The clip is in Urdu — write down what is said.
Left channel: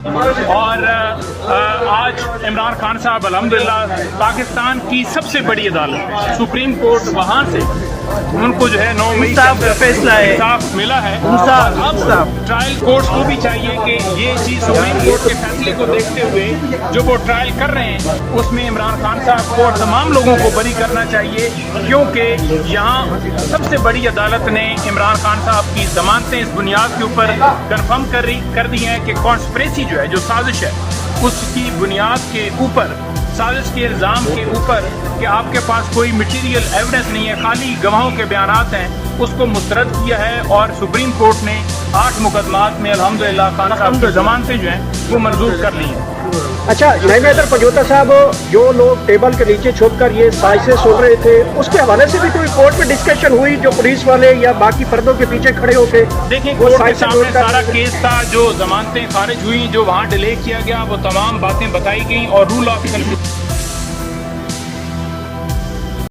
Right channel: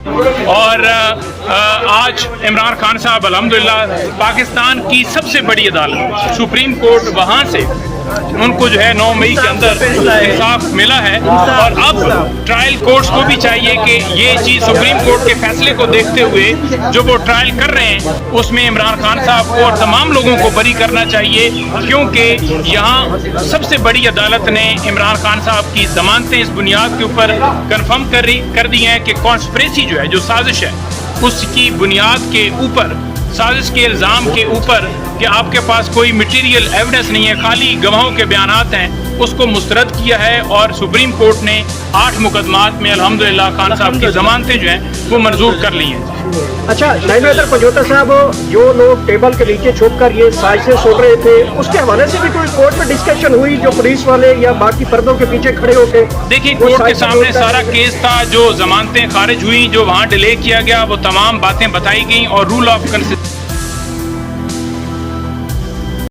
اور آج عمران خان صاحب الحمدللہ پاکستان کی سب سے بڑی عدالت سپریم کورٹ وہاں سے ان کو جو ہے 9 مئی کے اندر انصاف ملا ہے، اور اب ٹرائل کورٹس کو بھی چاہیے کہ یہ چیز سپریم کورٹ کے فیصلے کو دیکھتے ہوئے جو وہ ٹرائل کر رہے ہیں اس میں عمران خان صاحب کو اور تمام لوگوں کو بری کرنا چاہیے، کیونکہ یہاں سب سے بڑی عدالت نے عمران خان صاحب کی ضمانتیں اس بنیاد کے اوپر کنفرم کر دی ہیں کہ کانسپریسی جو ہے، جو سازش ہے، اس کی بنیاد کے اوپر، سازش کے الزام کے اوپر کہ آپ کے پاس کوئی مٹیریل ایویڈنس نہیں ہے، خالی گواہوں کے بیانات ہیں، اس کو مسترد کیا ہے، اور سپریم کورٹ نے 8 مقدمات میں الحمدللہ خان صاحب کی ضمانتیں جو ہیں وہ منظور کر لی ہیں۔ اچھا نائب حیدر پنجوتا صاحب، جو لوگ ٹیبل کے نیچے چھپ کر یہ سازشیں سن رہے تھے، اس کے حوالے سے بھی کوئی کورٹ میں ڈسکشن ہوئی جو پولیس والے یا باقی پردوں کے پیچھے کھڑے ہو کے؟ دیکھیں کورٹ کے سامنے سارا کیس تھا، جو ضمانتیں خارج ہوئیں، جو وہاں ڈیلے کیا گیا، وہ تمام باتیں بتائی گئیں، اور رول آف کنسسٹنسی